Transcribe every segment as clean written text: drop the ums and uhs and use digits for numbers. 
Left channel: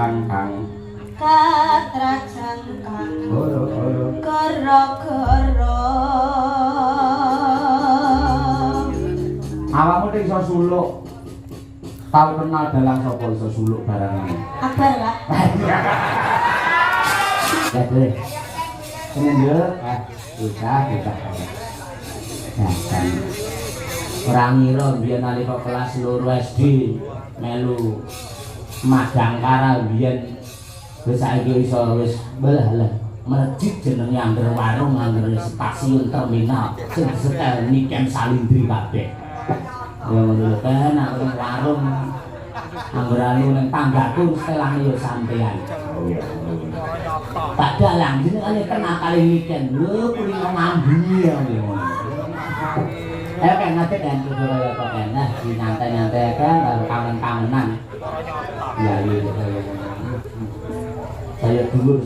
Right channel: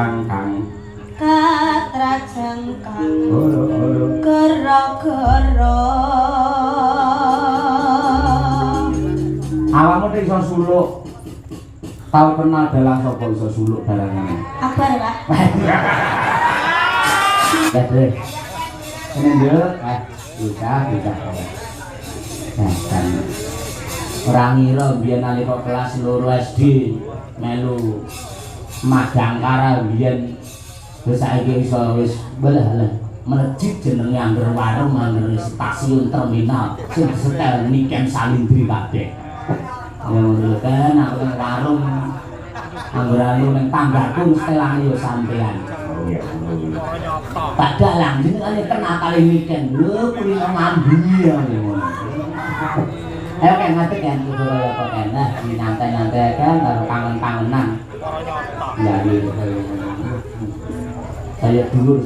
sangkang goro-goro awakmu nek iso suluk tau kenal dalang sapa iso suluk barangane apa lah Deh. Ini yo bisa. Nah, kan ora ngira biyen nalika kelas 2 SD melu magang karal biyen terus saiki iso wis belah melejit jenenge angger warung angger stasiun terminal sing setel Niken Salindri kabeh. Ya ngono kan aku warung angger alu ning tanggaku setelane yo sampean. Oh iya. Tak dalang jenenge kena kali Niken lho kuwi ngambi ya. Ayo kan nanti kan kudu kaya kok enak dinantai-nantai kan karo kangen-kangenan. Lali saya dulur.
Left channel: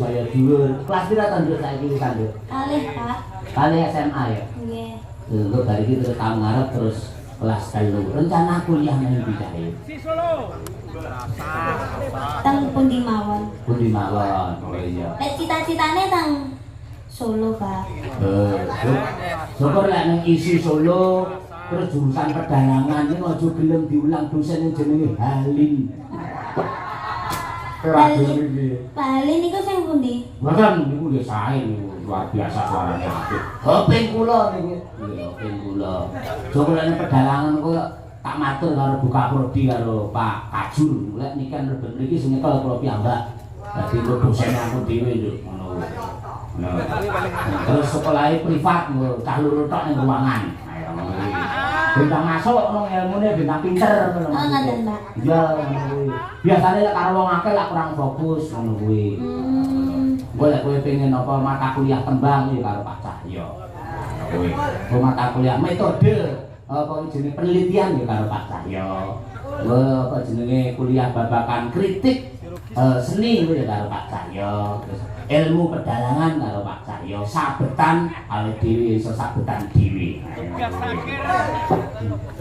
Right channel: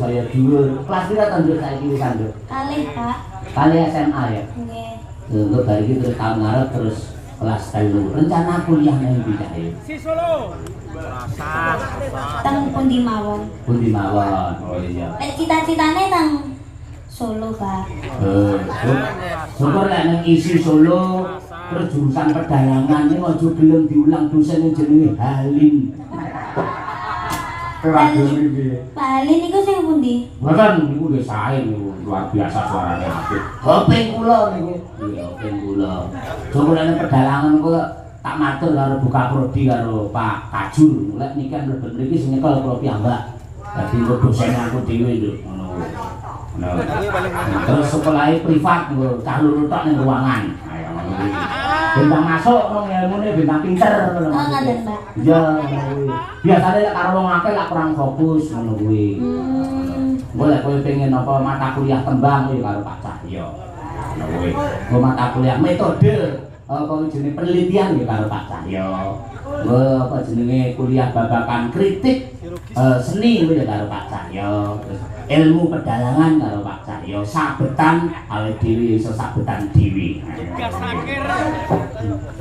Kelas pira ta Nduk saiki wis Nduk? kalih Pak Kali SMA ya. nggih Untuk dari itu terus tahun ngarep terus kelas 3. Rencana kuliah nang ndi kae? Si Solo. teng pundi mawon Pundi mawon. Oh iya. nek cita-citane teng Solo Pak Syukur lek nek isi Solo terus jurusan perdagangan iki aja gelem diulang dosen jenenge Halim. Bali niku sing pundi Mboten niku nggih sae niku luar biasa suarane apik. Hoping kula niku. Iya, hoping kula. Syukur lek perdagangan niku tak matur karo buka prodi karo Pak Kajur. Lek nikan rebet niki sing nyekel kula piyambak. Dadi kok dosen aku dhewe lho ngono. Nah, terus sekolahnya privat, cah luru tok ning ruangan. Ayo ngono. Bintang masuk ngono ilmune bintang pinter ngono. Oh ngoten Mbak Iya, biasane lek karo wong akeh lek kurang fokus ngono kuwi. Engko lek kowe pengen apa mata kuliah tembang ya karo Pak Cahyo. Ngono kuwi. Engko mata kuliah metode apa jenenge penelitian ya karo Pak Cahyo. Engko apa jenenge kuliah babakan kritik seni itu ya karo Pak Cahyo. Terus ilmu pedalangan karo Pak Cahyo, sabetan awake dhewe iso sabetan dhewe.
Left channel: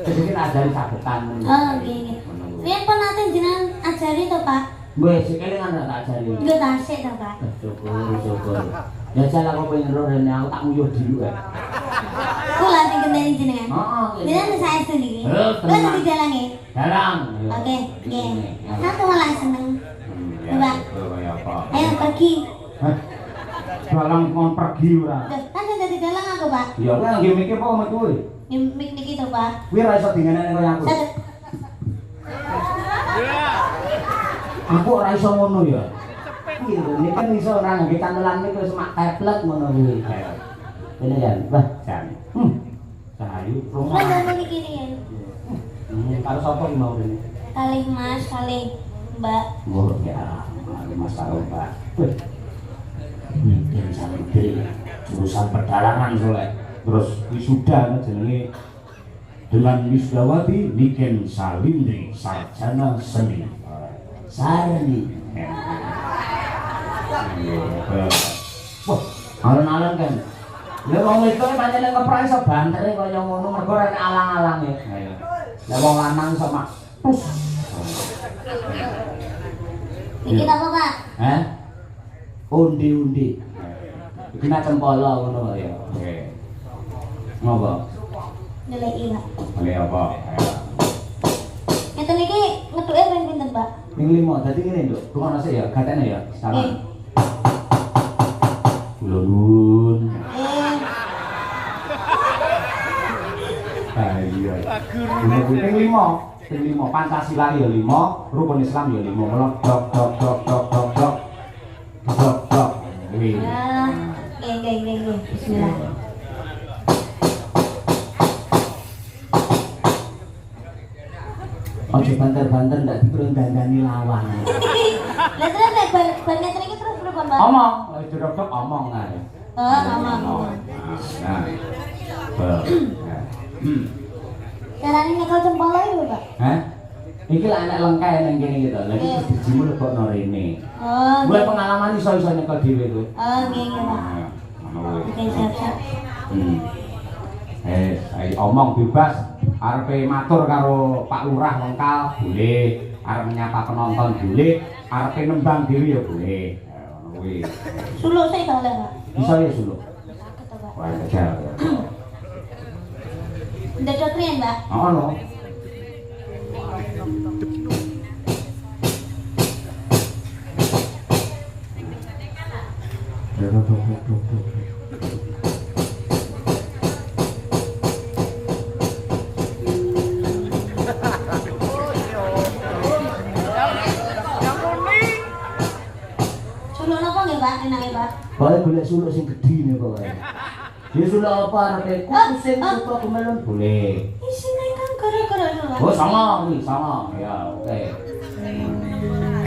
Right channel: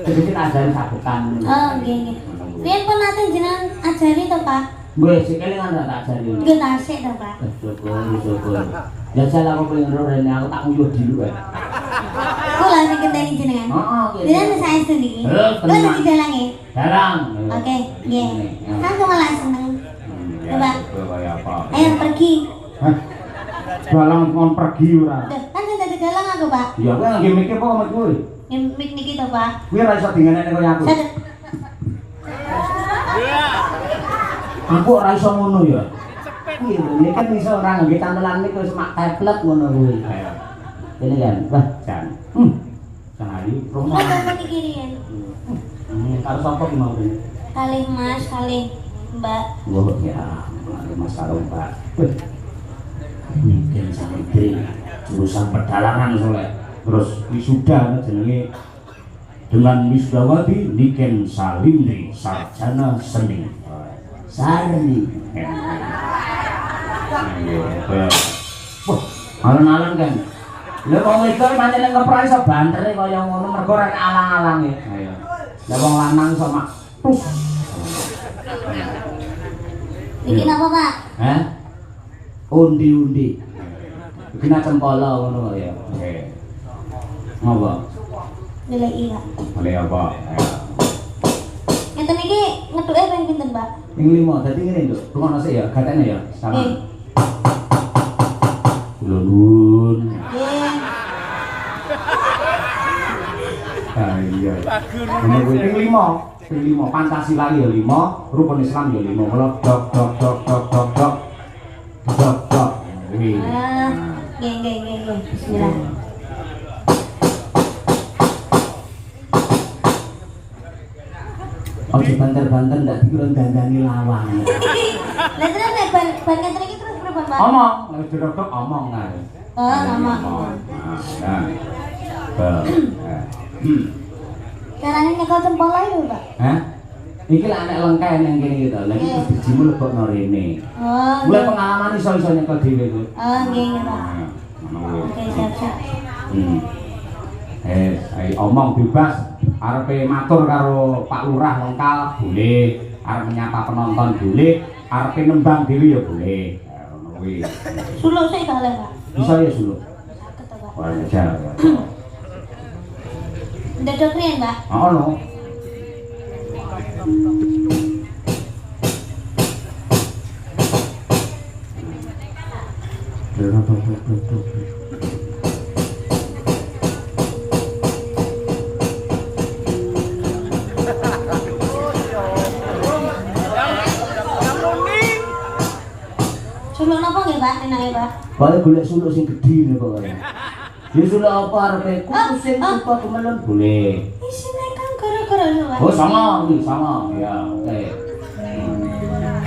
Jadi kita ajari sabetan. oh nggih piye pun nate jenengan ajari to Pak Gue sih kalian tak ajari. nggih tasik to Pak Syukur. Ya salah aku pengen roh rene aku tak nguyuh dulu wae. kula sing kendali jenengan Heeh. jenengan saestu niki kula tenang. didalangi Jarang. oke nggih aku malah seneng coba Kaya apa? ayo pergi Hah? Dalang kon pergi ora. kan sing dadi dalang aku Pak Iya, kowe lagi mikir apa mek kowe? nyempik niki to Pak Kowe ora iso dingenekne kaya aku. Aku ora iso ngono ya. Kuwi lho, kan iso ora ngangge camelan niku semak tablet ngono kuwi. Ini kan, wah, jan. Cahayu promo. Mas niki riyen Karo sapa ki mau ini? kalih Mas kalih Mbak Oh ya, Mas karo Mbak. Niken Salindri jurusan perdalangan soleh. Terus wisuda jenenge dengan wisudawati Niken Salindri sarjana seni. Sarni. Wah, alon-alon kan. Lha wong wedok pancen ngeprai iso bantere kaya ngono mergo ora alang-alange. Lah wong lanang iso mak tus. bikin apa Pak Hah? Undi-undi. Kena cempala ngono ya. Oke. Ngopo? nilai Pak Oleh apa? ngeten iki ngeduke ping pinten Pak Yang 5, dadi ngene lho. Rumono sik ya, gatene ya. Sama. Lurun. Ah iya. Ini ping 5. Ping 5 Pancasila ya 5, rukun Islam ya 5. Dok dok dok dok dok dok dok. Dok dok. Kuwi. nggih bismillah Ojo banter-banter ndak dikira dandani lawang. Lah terus nek ban ngeten iki terus pripun Pak Omong, nek dodok omong ae. oh ngomong Nah. carane nyekel cempala ya Pak Hah? Iki lah anak lengkah ning kene iki to. Lah iki dijimul lebokno rene. oh Gue pengalaman iso-iso nyekel dhewe kuwi. oh nggih Pak oke siap Ayo omong bebas. Arepe matur karo Pak Lurah lengkal boleh, arep menyapa penonton boleh, arepe nembang dhewe ya boleh. Kuwi. Suluk sih kalih, Pak. Bisa ya suluk. Saged to, Pak. Wah, jajal ya. Ndedok riyen, Pak. Ono. Suluk napa nggih, Pak? Enake, Pak? Boleh golek suluk sing gedhi nih pokoke. Ya suluk apa arepe kuku sing suka kemelem boleh. Isine kan gara-gara lho, Pak. Oh sama, nih sama. Ya, oke.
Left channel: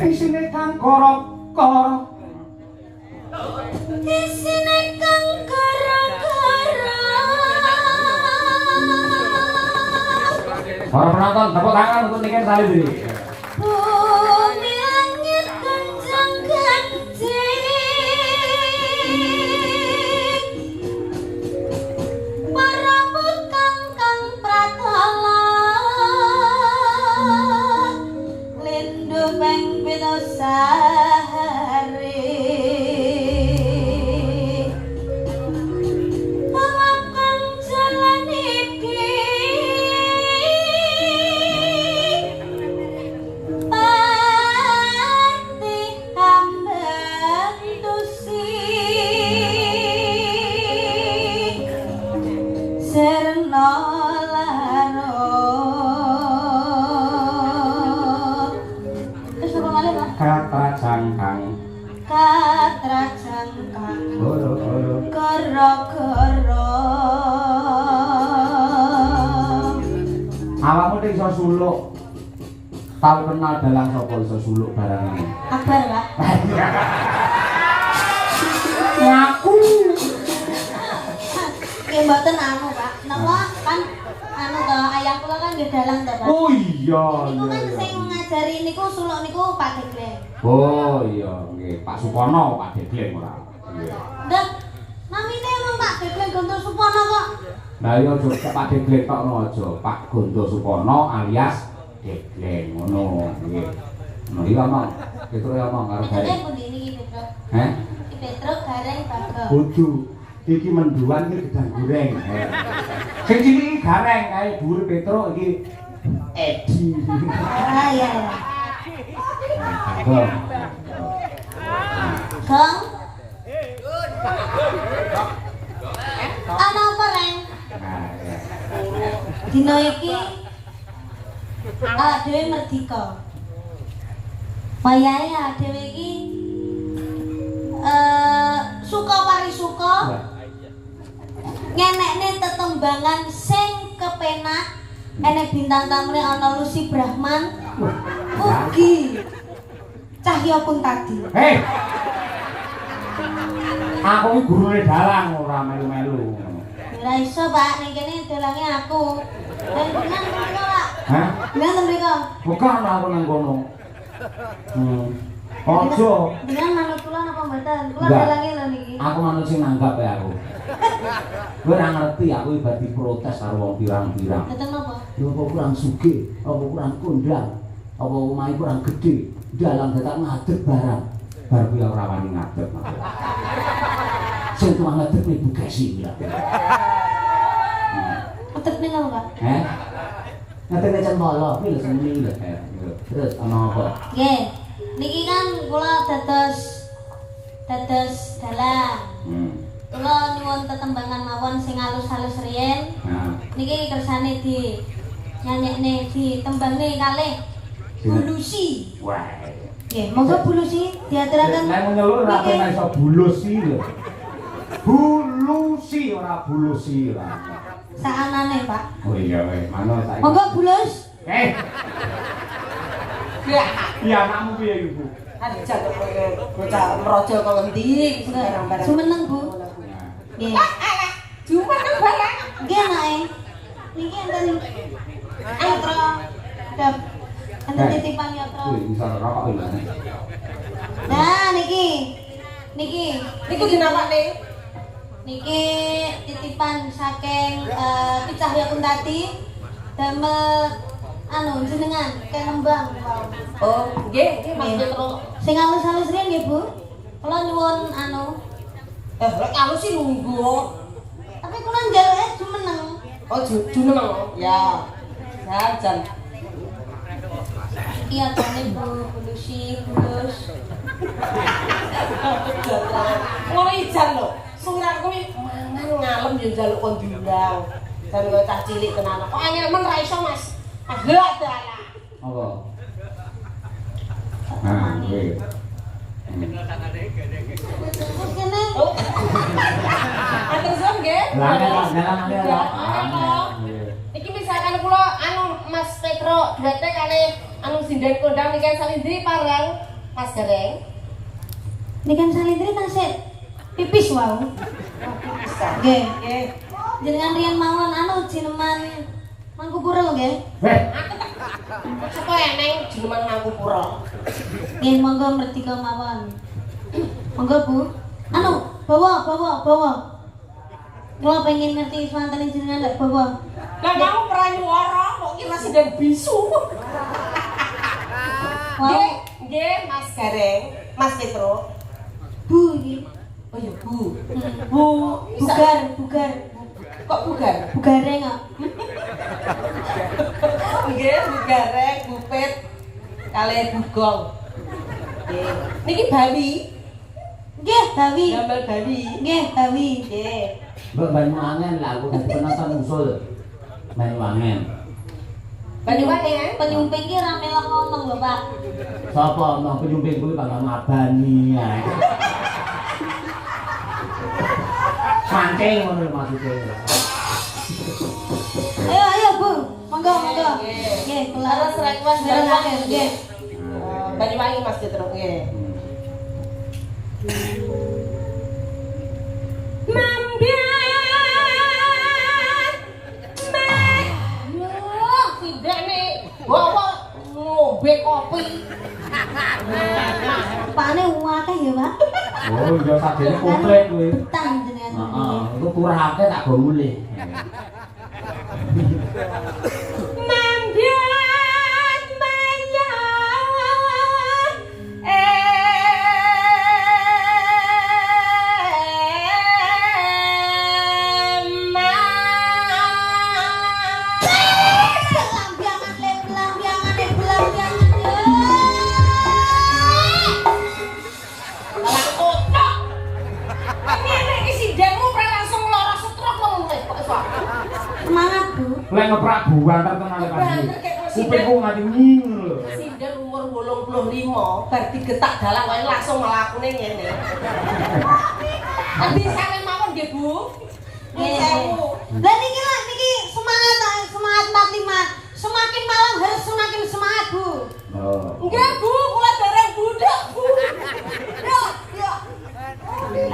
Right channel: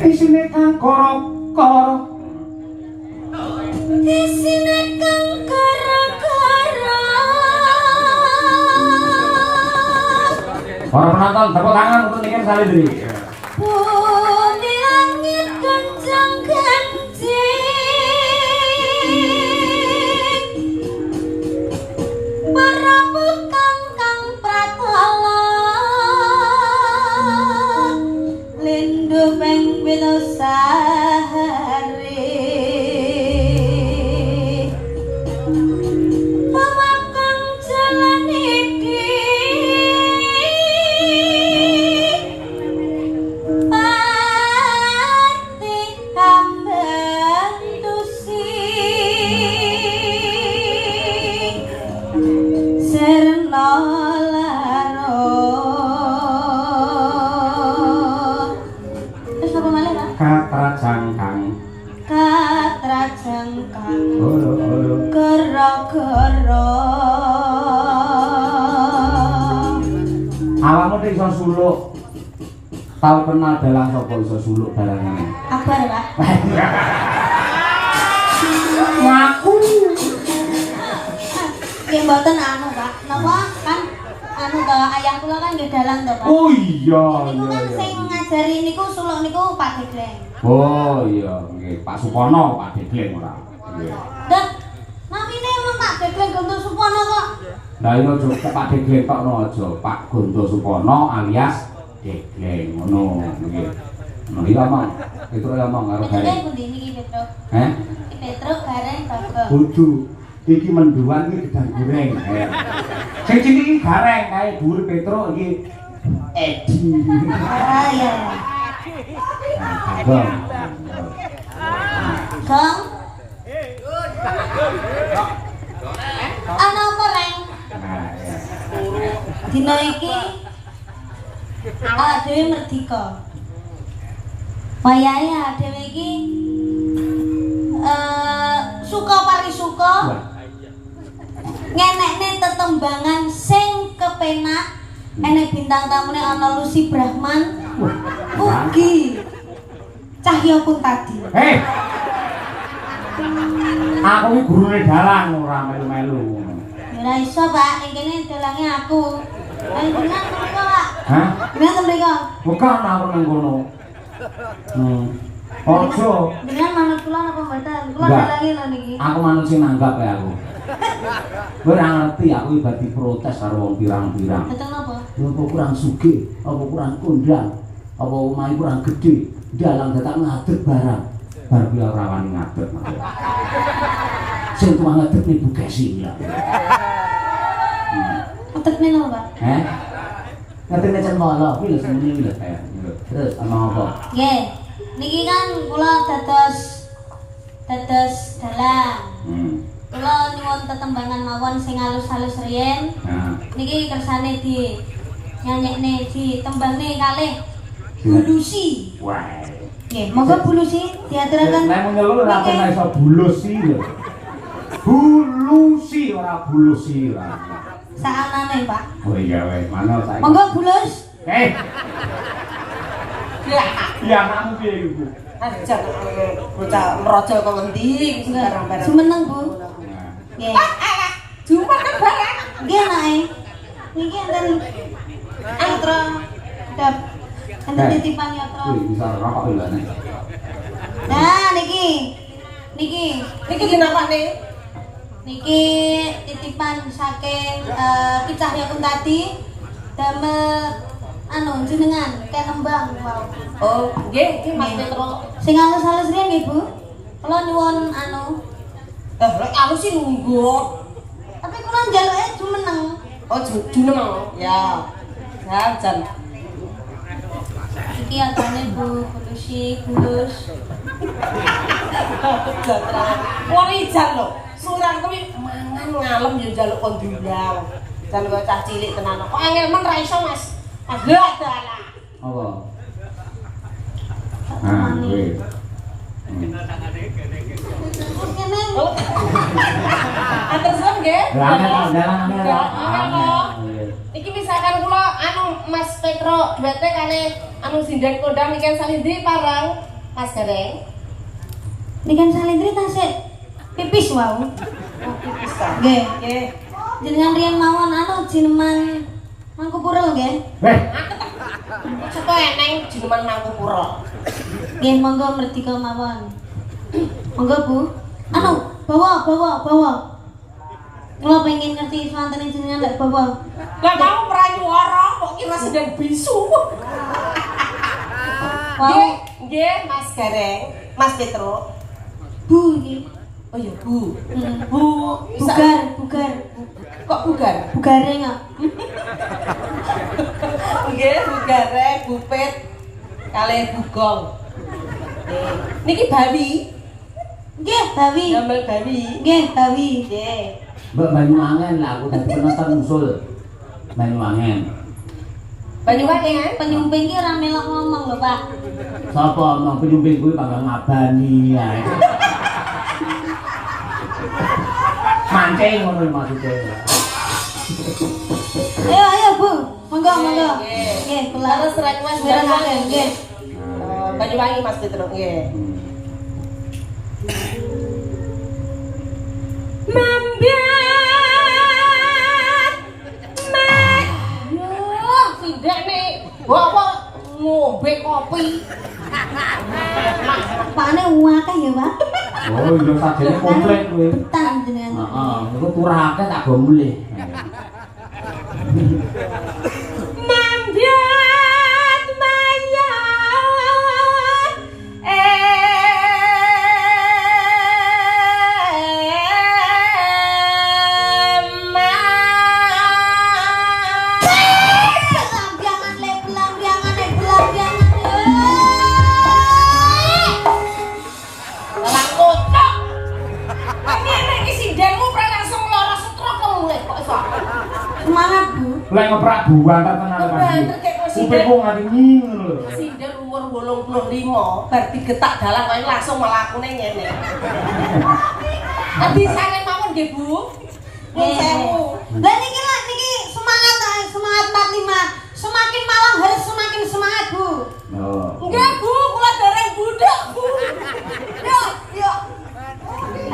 Isine kan korok-korok. Isine kan gara-gara. Para penonton, tepuk tangan untuk Niken Salidri. Bumi langit gonjang-ganjing. Para bukang kang pratala. Lindu meng Winosari. Pawakang jalan iki. Pati kambang tusi serna laro. Wis apa malih, Pak? Katrajangkang. Katrajangkang Horo-horo. gara-gara. Awakmu nek iso suluk. Tau kenal dalang sapa iso suluk barangane. Akbar, Pak. Ngaku. Nggih mboten anu, Pak. Napa kan anu to ayam kula kan nggih dalang to, Pak. Oh iya, Niku iya. kan iya. sing ngajari niku suluk niku Pak Degleng. Oh iya, nggih. Pak Supono, Pak Degleng ora. Iya. Dak, namine urung Pak Degleng Gontor Supono kok. Lah iya aja Pak Degleng tok aja, Pak Gondo Supono alias Degleng ngono nggih. No iya Mang. Itu ya Mang karo Petruk gareng. pundi niki Petruk? Heh? Iki Petruk gareng Bago. Kudu iki menduan iki gedang goreng. Sing cilik iki gareng kae dhuwur Petruk iki Edi. Ah iya. Gong. Gong. Ana goreng. Nah, ya. Dina iki dhewe merdika. Wayahe dhewe iki suka parisuka ngenekne tetembangan sing kepenak. Enek bintang tamune ana Lucy Brahman. Ugi Cahya Kuntadi. Hei. Aku iki gurune dalang ora melu-melu. Ora iso, Pak, ning kene dalange aku. Ning bener mriko, Pak. Hah? Bener to mriko? Bukan aku nang kono. Ojo. Bener manut kula napa mboten? Kula Enggak. dalange lho niki. Aku manut sing nanggap ya aku. Kowe ora ngerti aku ibadi protes karo wong pirang-pirang. Betul napa? Ya apa kurang sugih, apa kurang kondang, apa omahe kurang gede, dalang dadak ngadeg barang. Bar kuwi ora wani ngadeg. Sing kuwi ngadeg niku Gesi ya. Utekne lho, Pak. Ngadeg jan malah kuwi lho semene lho. Terus ama apa? Nggih. Niki kan kula dados dalang. Kula nyuwun tetembangan mawon sing halus-halus riyen. Nah, Niki kersane di nyanyekne di tembangne kalih Bulusi. wah. Nggih, monggo Bulusi diaturaken. Nek muni lho ora kena iso bulusi lho. Bulusi ora bulusi lah. Saanane, Pak. Oh iya weh, mana saiki? Monggo Bulus. Ya anakmu piye iku? Ajak bocah meraja kok endi barang-barang. Semeneng, Bu. Nah, Nggih. Jumpa kan barang. Nggih, anake. Niki enten antara dap enten titipan yatra. kuwi bisa rokok lho nek. Nah, niki. Niki. Niku dinamane Niki titipan saking Ki Cahya Kuntadi damel anu jenengan kenembang. Oh, nggih, Mas Petro. Sing halus-halus riyen nggih, Bu. Kula nyuwun anu. Lek alus sih lungguh. Tapi kula njaluke jumeneng. Oh, juneng. Ya. Ya, jan. Iki atane Bu, kulus. Wong ijan lho. Surang kuwi mangan ngalem yo njaluk kon diundang. Jan kok cah cilik tenan. Kok angel men ra iso, Mas. Agak dalah. Apa? Nah, kuwi. Ngene. Terus nggih? Iki misalkan kula anu Mas Petro duwete kane anu sinden kondang ikan salindri parang Mas Gareng. Nikan salindri tasik pipis wau. Nggih. Nggih. Jenengan riyen mawon anu jineman Mangkupura nggih. Coba eneng jineman Mangkupura. Nggih, monggo merdeka mawon. Monggo Bu. Anu, bawa. Kula pengen ngerti swantene jenengan lek bawa. Lah kamu pranyuwara kok kira sedang bisu. Nggih, Mas Gareng, Mas Petro. Bu iki. Oh ya, Bu. Bugar. Kok bugar? Bugareng kok. Nggih, bugareng, bupet, kalih bugong. Nggih. Niki bawi. Nggih, bawi. Gambar bawi. Nggih, bawi. Nggih. Mbak Banyuwangen lah, aku dadi penonton usul. Banyuwangen. Banyuwangen. Penyumping ki ora melok ngomong lho, Pak. Sapa omong penyumping kuwi panggang ngabani ae. Mancing ngono maksude. Ayo, Bu. Monggo. Nggih. Nggih, Laras serang Mas Banyuwangen. Nggih. Banyuwangi Mas Petro. Nggih. Ngombe kopi. Pakne akeh ya, Pak. Oh, iya sadene komplit kuwi. Betah jenengan. Heeh, itu kurake tak go mulih. Semangat, Bu. Lek ngeprak buan kan tenan kan. Kupingku nganti nying lho. Sinden umur 85 bar digetak dalan wae langsung mlakune ngene. Bisane mawon nggih, Bu. Sewu. Lah niki semangat 45. Semakin malam harus semakin semangat, Bu. Oh. Nggih, Bu, kula dereng budak, Bu. Yo.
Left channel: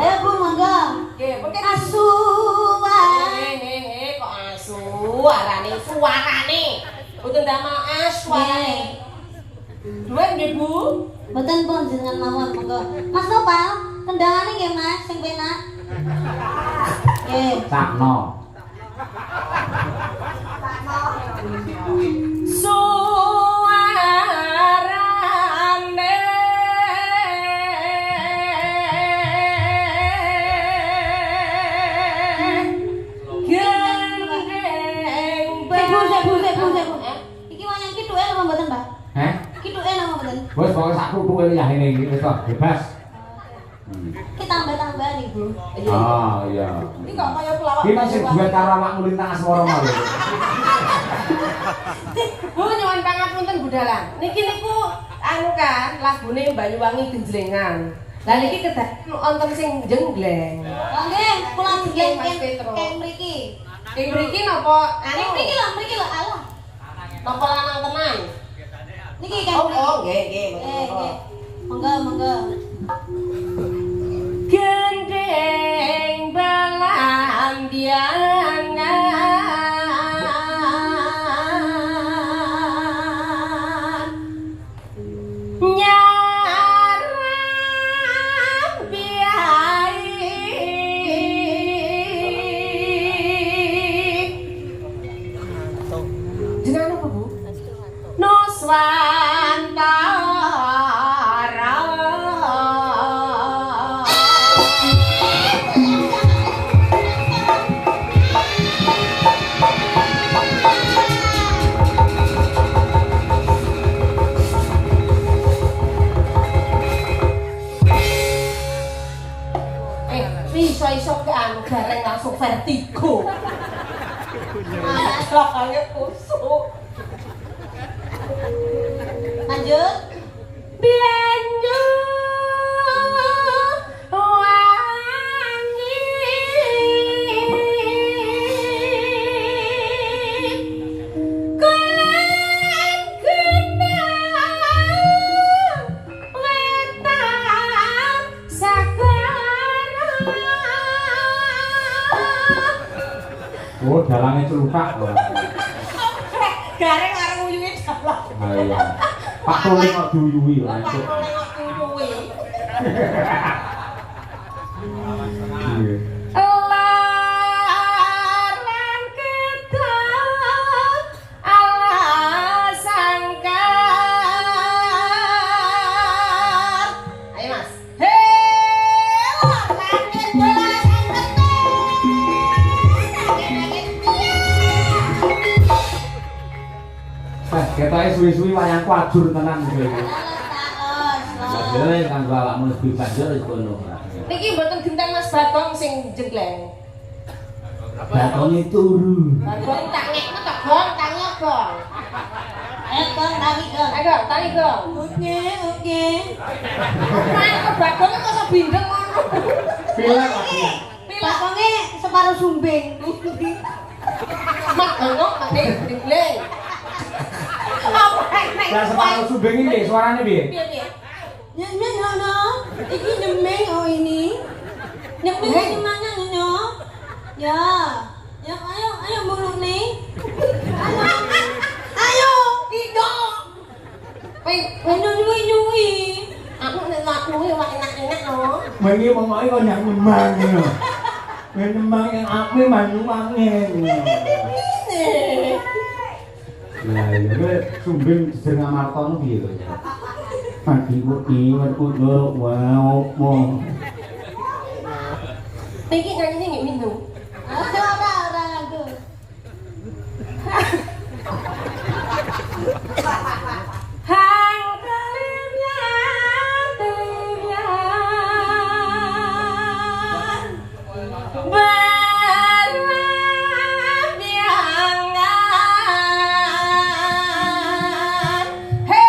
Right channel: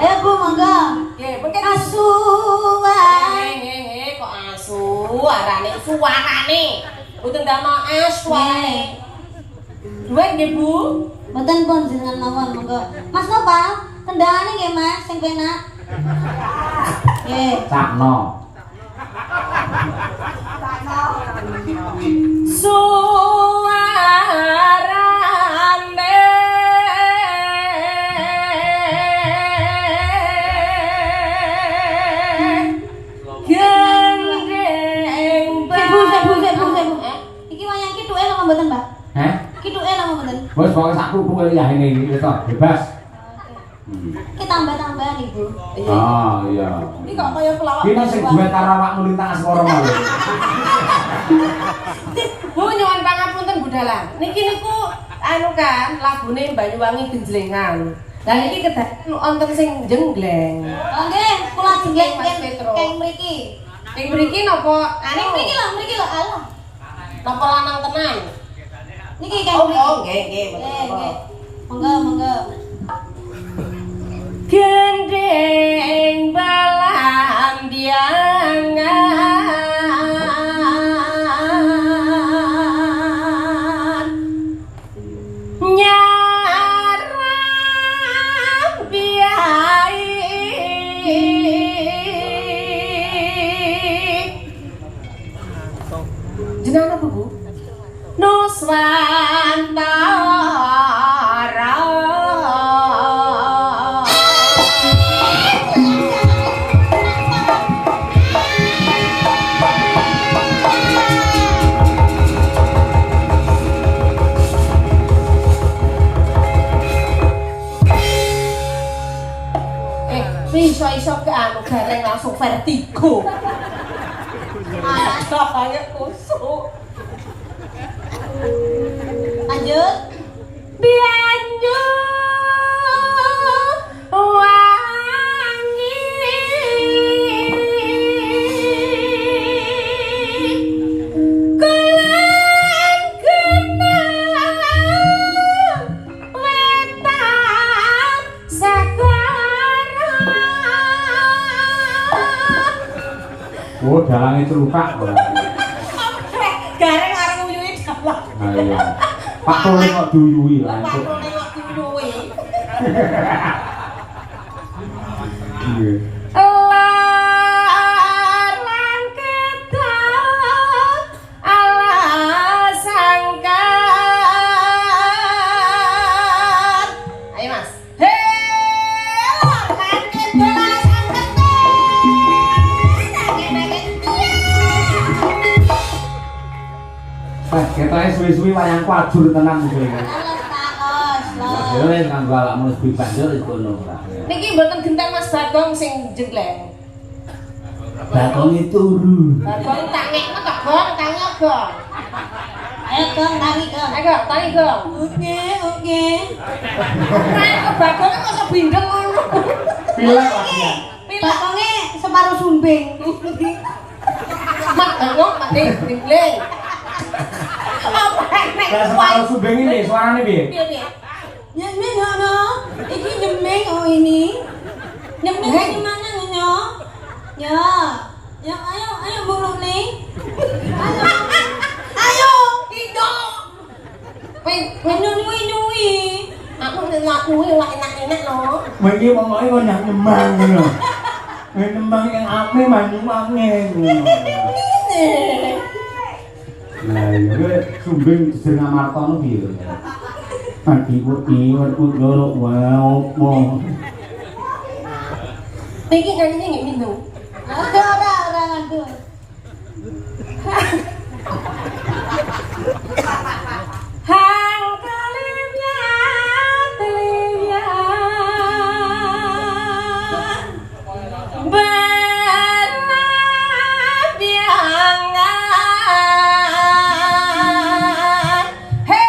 Ayo, Bu, monggo. Nggih, mengke Asuhan. kok asu arane suarane. Mboten ndamel suarane. Duwe nggih, Bu. Mboten pun jenengan mawon monggo. Mas Nopal, kendangane nggih, Mas, sing penak. Nggih. Sakno. Suarane Iki wayang kithuke napa mboten, Mbak? Heh? Kithuke napa mboten? Wes pokoke sak kerupuk ya ini wis bebas. Ki tambah-tambahan, Ibu. Ah, iya. iki kok kaya pelawak. Kita sing duwe karo awakmu lintang asmara mau. Bu nyuwun pangapunten Budalah. Niki niku anu kan lagune Banyuwangi Genjlengan. Lah niki kedah wonten sing jenggleng. Oh nggih, kula jeneng Mas Petro. keng mriki. Ing mriki napa Ning mriki lho, alah. napa lanang tenan? Niki keng Oh, mriki. nggih. Nggih. Monggo. Gendeng belambiangan nyarang biai jenengan apa, Bu? gareng langsung vertigo. Rasanya kusuk. Lanjut. Bianju wangi kulan kenang wetan sekarang. Oh, dalangnya celukak. Gareng arep nguyuhi dalang. Nah, iya. Pak Tole kok diuyuhi lah. Pak Tole kok diuyuhi. Iya. Larang ketan ala sangkar. Ayo Mas. Hei, larang ketan ala sangkar. Pas ketoknya suwi-suwi wayang kuajur tenang kuwi. Takos. Dhewe kang awakmu wis bebas yo wis kono ora. Niki mboten genteng Mas Bagong sing jenggleng. Bakonge turu. Bagong tak nekno tak gong tangi gong. Ayo Gong, tangi Gong. Ayo tangi gong. Oke. Nah, kok Bagong kok bindeng ngono. Pilek wae. Bakongnya separuh sumbing. Mak Bagong ade jenggleng. Apa nek Ya separuh subeng iki suarane piye? piye? Nyemeng ono. Iki nyemeng oh ini. Nyemeng di mana nyo? Ya. Ya ayo bulung nih. Ayo. Ido. Nyui. Aku nek lakuwi ora enak-enak lho. Wingi pokoke kok nang nembang ngono. Nembang yang ake manyu-ake ngono. Nah, iya kowe sumbing jeneng Martono piye to? Iwet loro wae opo. Iki nyanyi nggih minum. Ora ngantuk. Hang kelimian bernabiangan. Hei,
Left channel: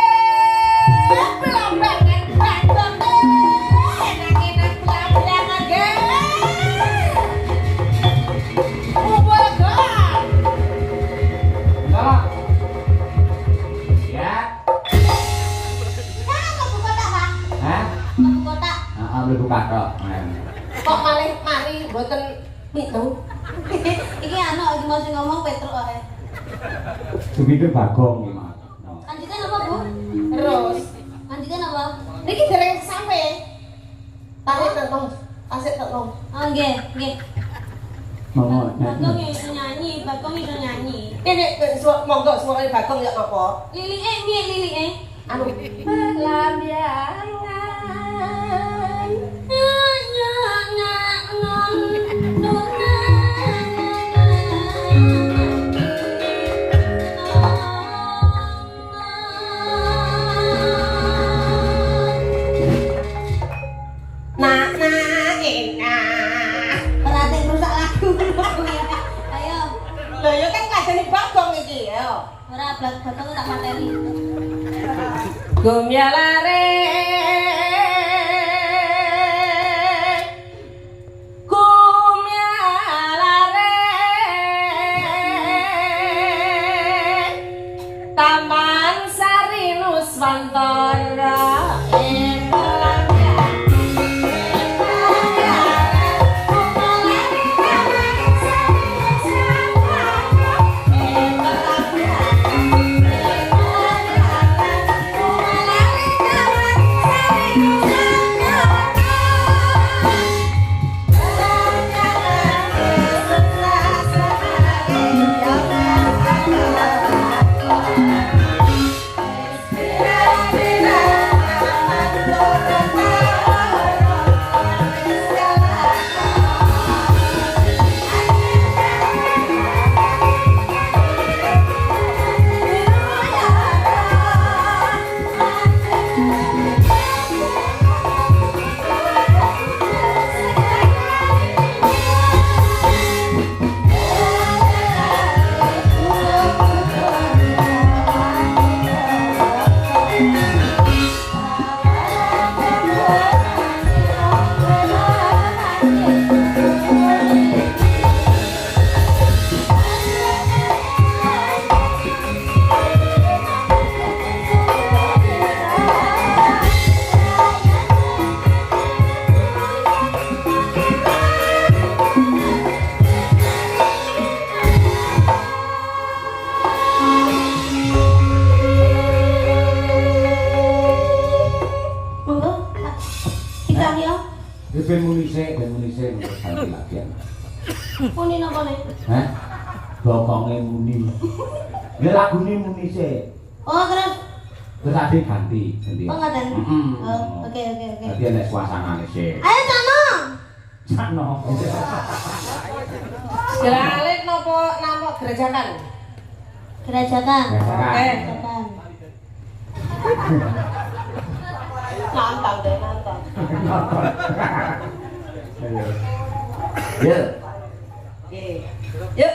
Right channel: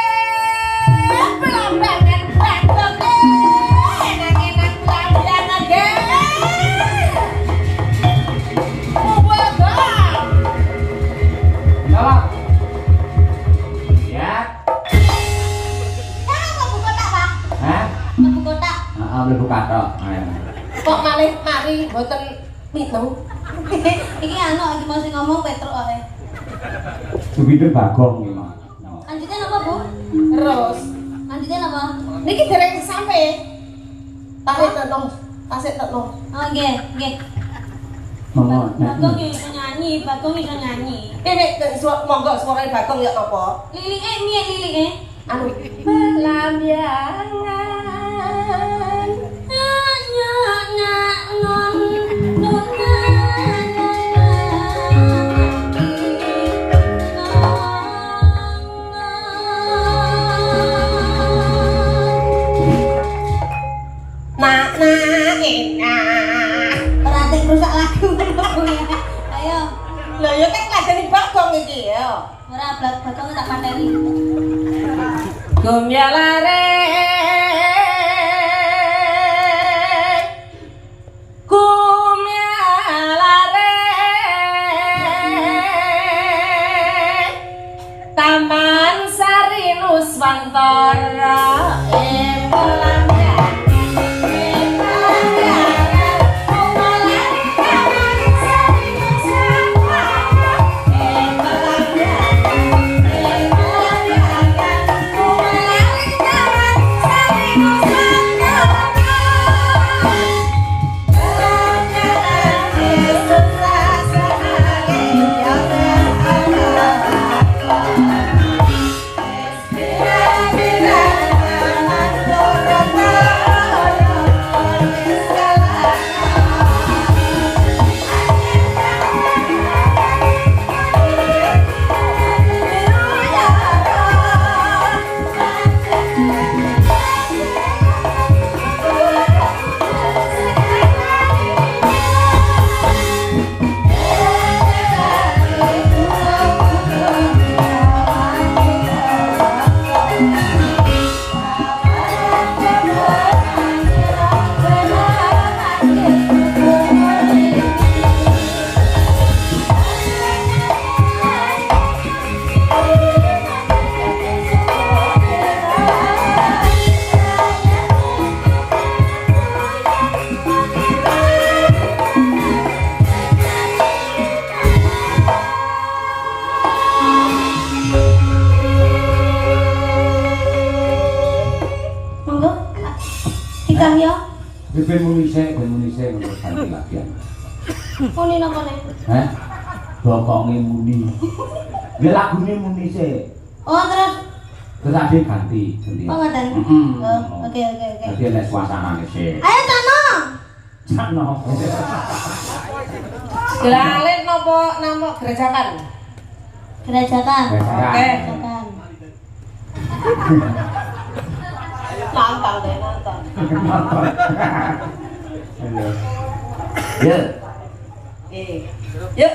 belum enak belanjangan gele. Mubarak. Ya. Kamu kotak, Pak. Hah? Kamu kotak. Heeh, mlebu kathok. Kok malih mari mboten minum? Iki anu iki mau sing ngomong Petruk ae. Supir Bagong iki, Mas. Lanjutin apa, Bu? Terus Lanjutin apa? niki dereng sampe. Tasik tenom. Oh, nggih. Monggo Bagong nyanyi. iso nyanyi, Bagong iso nyanyi. Kene monggo suara Bagong ya apa? Lilike piye lilike? Anu lambiangan. Nak enak. Berarti rusak lagu. Ayo, Lah ya kan ngajeni Bagong iki ya. ora Bagong tak materi. Gumya lare Taman Sari Nuswantara ben munise menurut ganti latihan. Muni nang kene. Hah? Bokonge muni. Ya lagune munise. Oh, terus Tetapi ganti. oh ngoten. Oh, oke. Dadi nek suasanane sik. Ayo Cano. Cano. Gelalit nopo nama gerajakan? Kerajaan. Oke. Kerajaan. Nantang deh, nantang. Ya. Oke. Yuk.